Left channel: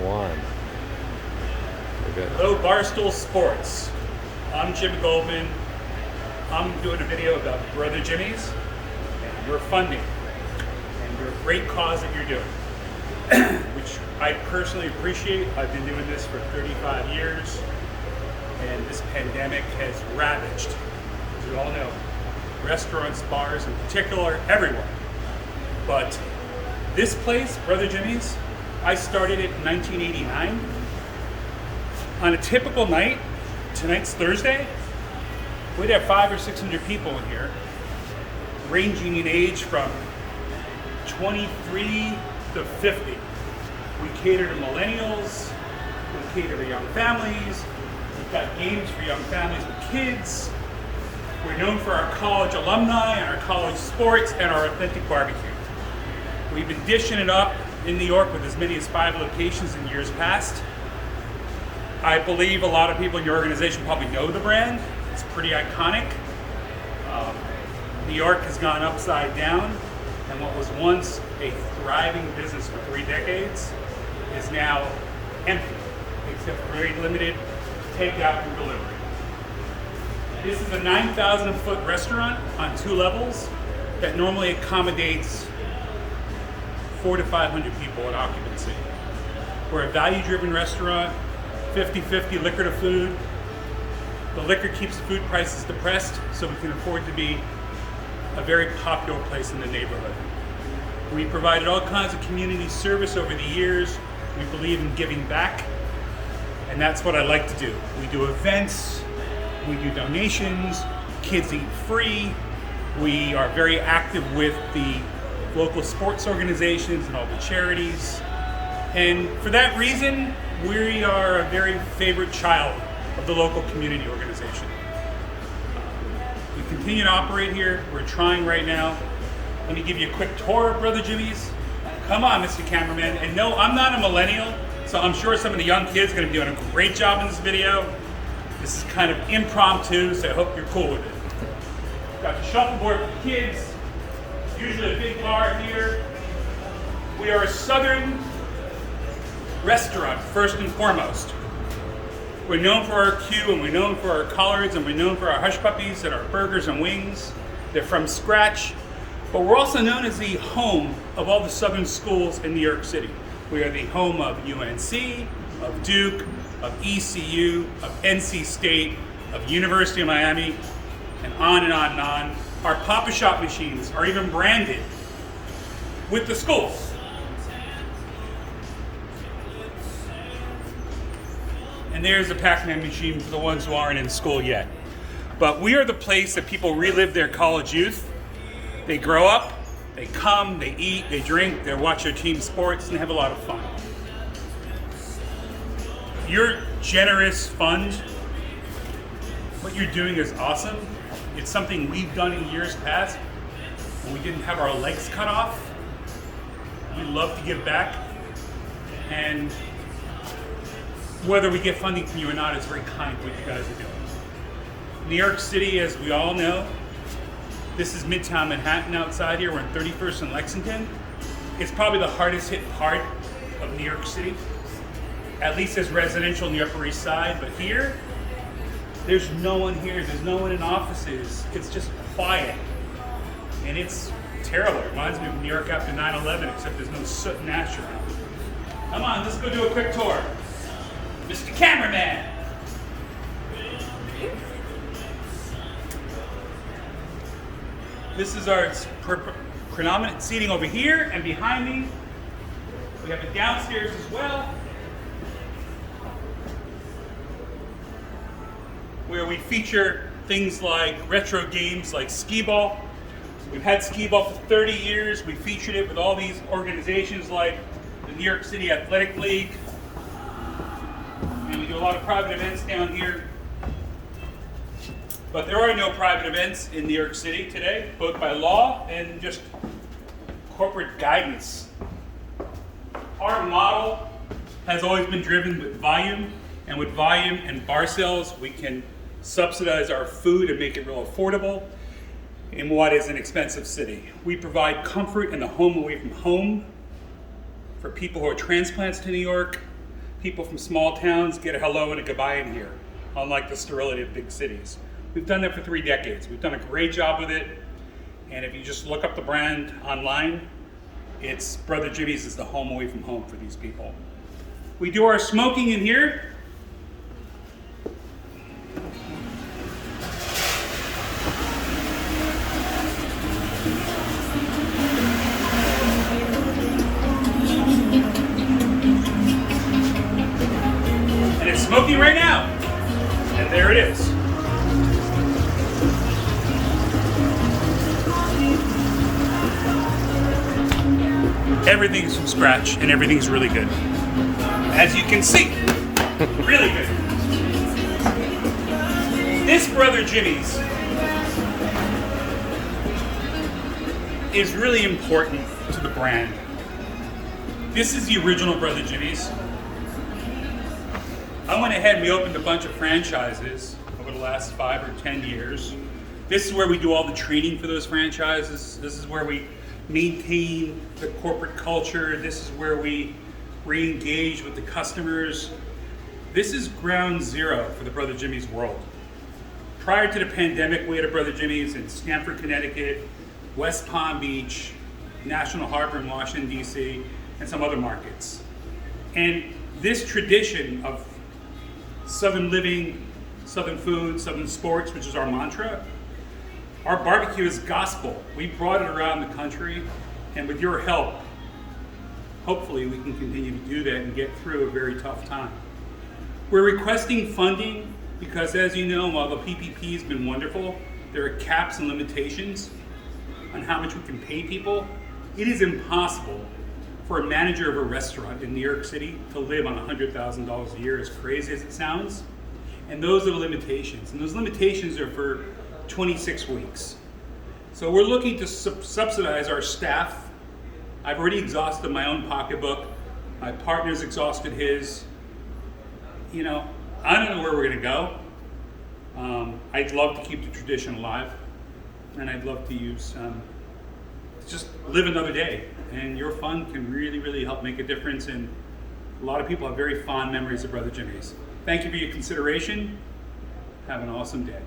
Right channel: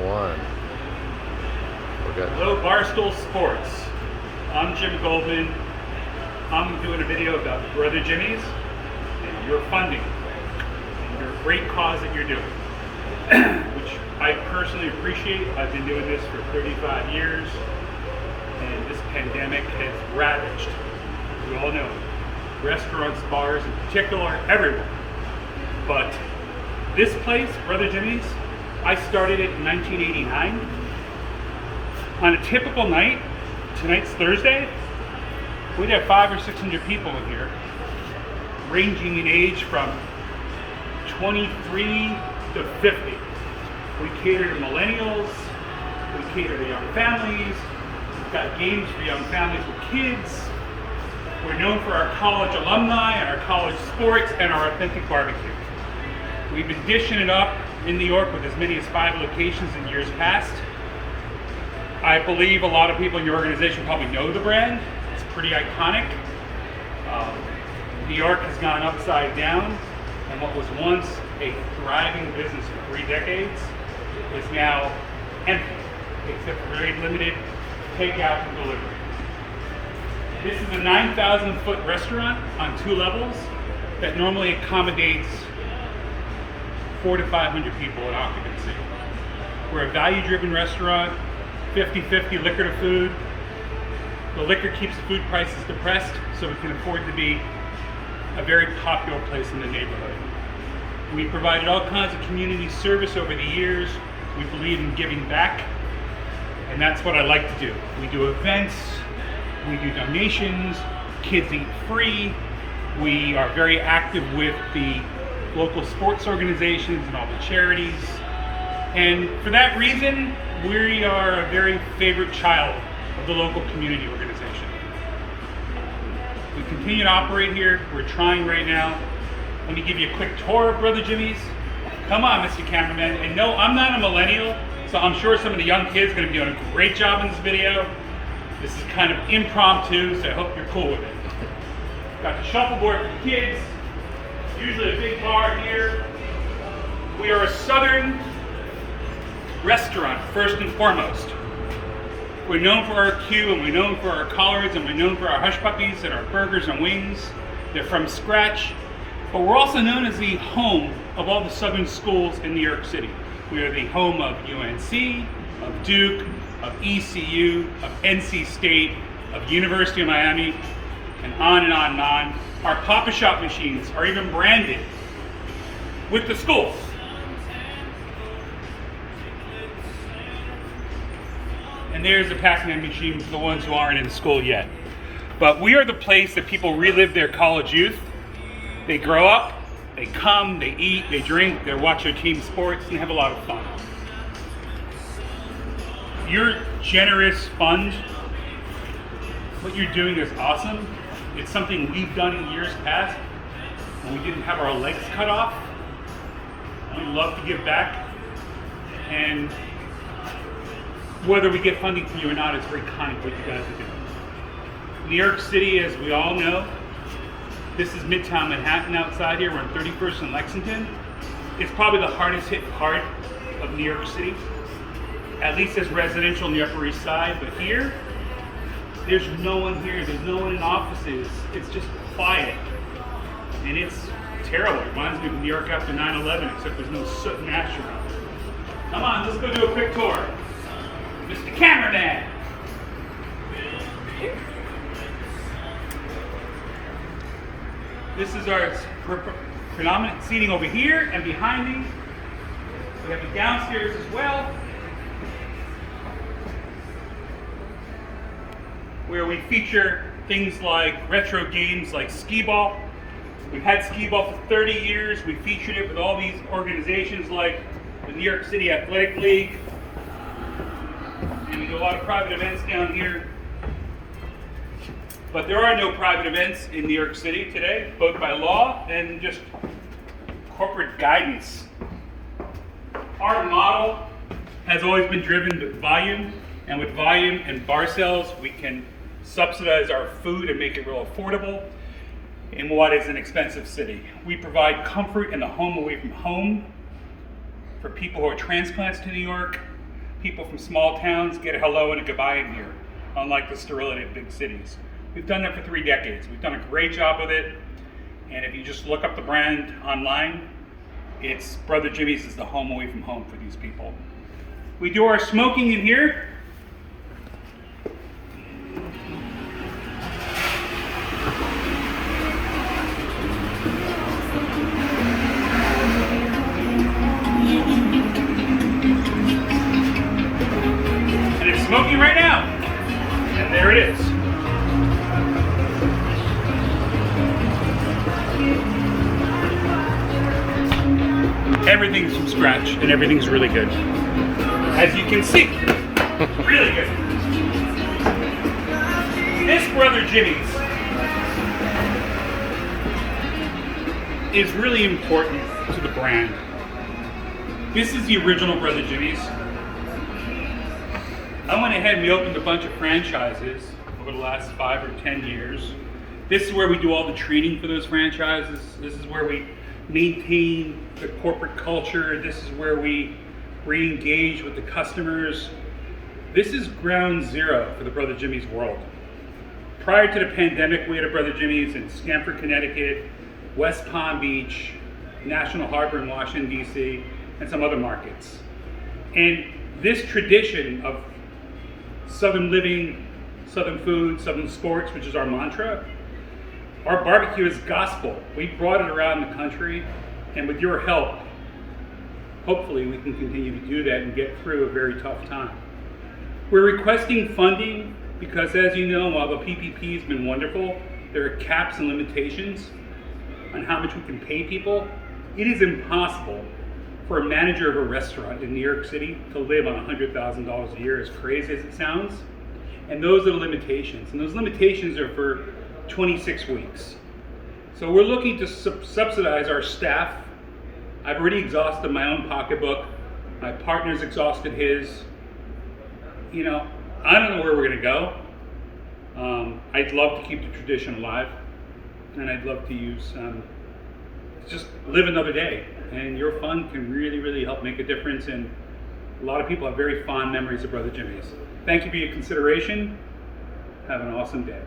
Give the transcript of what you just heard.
one. Hello, Bar Stool Sports. I'm Jim Goldman. I'm doing a video about Brother Jimmy's and your funding and your great cause that you're doing, which I personally appreciate. I've been doing this for 35 years, and this pandemic has ravaged, as we all know, restaurants, bars in particular, everyone. But this place, Brother Jimmy's, I started it in 1989. On a typical night, tonight's Thursday, we'd have 500 or 600 people in here, ranging in age from 23 to 50. We cater to millennials, we cater to young families, we've got games for young families with kids. We're known for our college alumni, our college sports, and our authentic barbecue. We've been dishing it up in New York with as many as 5 locations in years past. I believe a lot of people in your organization probably know the brand. It's pretty iconic. New York has gone upside down, and what was once a thriving business for 3 decades is now empty, except for very limited takeout and delivery. This is a 9,000-foot restaurant on 2 levels that normally accommodates 400 to 500 people in occupancy. We're a value-driven restaurant, 50-50 liquor to food. The liquor keeps the food prices depressed, so we can afford to be a very popular place in the neighborhood. We provided all kinds of community service over the years. We believe in giving back, and that's what I like to do. We do events, we do donations, kids eat free. We are very active with the local sports organizations and all the charities. And for that reason, we are a very favorite child of the local community organization. We continue to operate here. We're trying right now. Let me give you a quick tour of Brother Jimmy's. Come on, Mr. Cameraman. And no, I'm not a millennial, so I'm sure some of the young kids are going to be doing a great job in this video. This is kind of impromptu, so I hope you're cool with it. Got the shuffleboard for the kids. It's usually a big bar here. We are a southern restaurant, first and foremost. We're known for our queue, and we're known for our collards, and we're known for our hush puppies and our burgers and wings. They're from scratch. But we're also known as the home of all the southern schools in New York City. We are the home of UNC, of Duke, of ECU, of NC State, of University of Miami, and on and on and on. Our Papa Shop machines are even branded with the schools. And there's a Pac-Man machine for the ones who aren't in school yet. But we are the place that people relive their college youth. They grow up, they come, they eat, they drink, they watch their team sports, and they have a lot of fun. Your generous fund, what you're doing is awesome. It's something we've done in years past when we didn't have our legs cut off. We love to give back, and whether we get funding from you or not, it's very kind what you guys are doing. New York City, as we all know, this is Midtown Manhattan outside here. We're on 31st and Lexington. It's probably the hardest hit part of New York City, at least as residential on the Upper East Side. But here, there's no one here. There's no one in offices. It's just quiet. And it's terrible. It reminds me of New York after 9/11, except there's no soot and ash around. Come on, let's go do a quick tour. Mr. Cameraman. This is our predominant seating over here, and behind me, we have the downstairs as well, where we feature things like retro games like skee-ball. We've had skee-ball for 30 years. We featured it with all these organizations like the New York City Athletic League. And we do a lot of private events down here. But there are no private events in New York City today, both by law and just corporate guidance. Our model has always been driven with volume, and with volume and bar sales, we can subsidize our food and make it real affordable in what is an expensive city. We provide comfort in the home away from home for people who are transplants to New York. people from small towns get a hello and a goodbye in here, unlike the sterility of big cities. We've done that for 3 decades. We've done a great job with it. And if you just look up the brand online, it's Brother Jimmy's is the home away from home for these people. We do our smoking in here. And it's smoking right now. And there it is. Everything's from scratch and everything's really good. As you can see, really good. This Brother Jimmy's is really important to the brand. This is the original Brother Jimmy's. I went ahead and we opened a bunch of franchises over the last 5 or 10 years. This is where we do all the training for those franchises. This is where we maintain the corporate culture. This is where we re-engage with the customers. This is ground zero for the Brother Jimmy's world. Prior to the pandemic, we had a Brother Jimmy's in Stamford, Connecticut, West Palm Beach, National Harbor in Washington, D.C., and some other markets. And this tradition of Southern living, Southern food, Southern sports, which is our mantra, our barbecue is gospel. We brought it around the country, and with your help, hopefully we can continue to do that and get through a very tough time. We're requesting funding because, as you know, while the PPP has been wonderful, there are caps and limitations on how much we can pay people. It is impossible for a manager of a restaurant in New York City to live on $100,000 a year, as crazy as it sounds. And those are the limitations. And those limitations are for 26 weeks. So we're looking to subsidize our staff. I've already exhausted my own pocketbook. My partner's exhausted his. You know, I don't know where we're gonna go. I'd love to keep the tradition alive, and I'd love to use, just live another day. And your fund can really, really help make a difference. And a lot of people have very fond memories of Brother Jimmy's. Thank you for your consideration. Have an awesome day.